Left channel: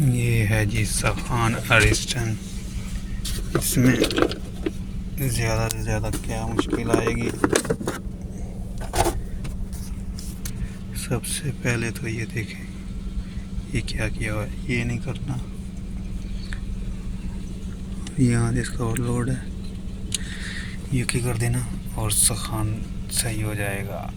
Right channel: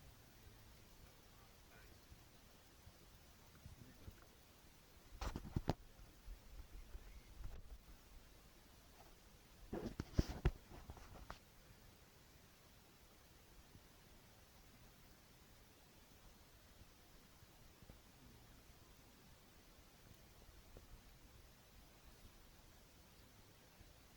ये है जी सखान अरिस्टन। इसमें ज़्यादा से ज़्यादा क्या मुश्किल आएगी। सबसे पहले तो ये देखें ये क्या किया हुआ है, ये नहीं करना। यहाँ इसका ओवरलोड है, ये क्या कर देना और सखान सही हो जाएगा।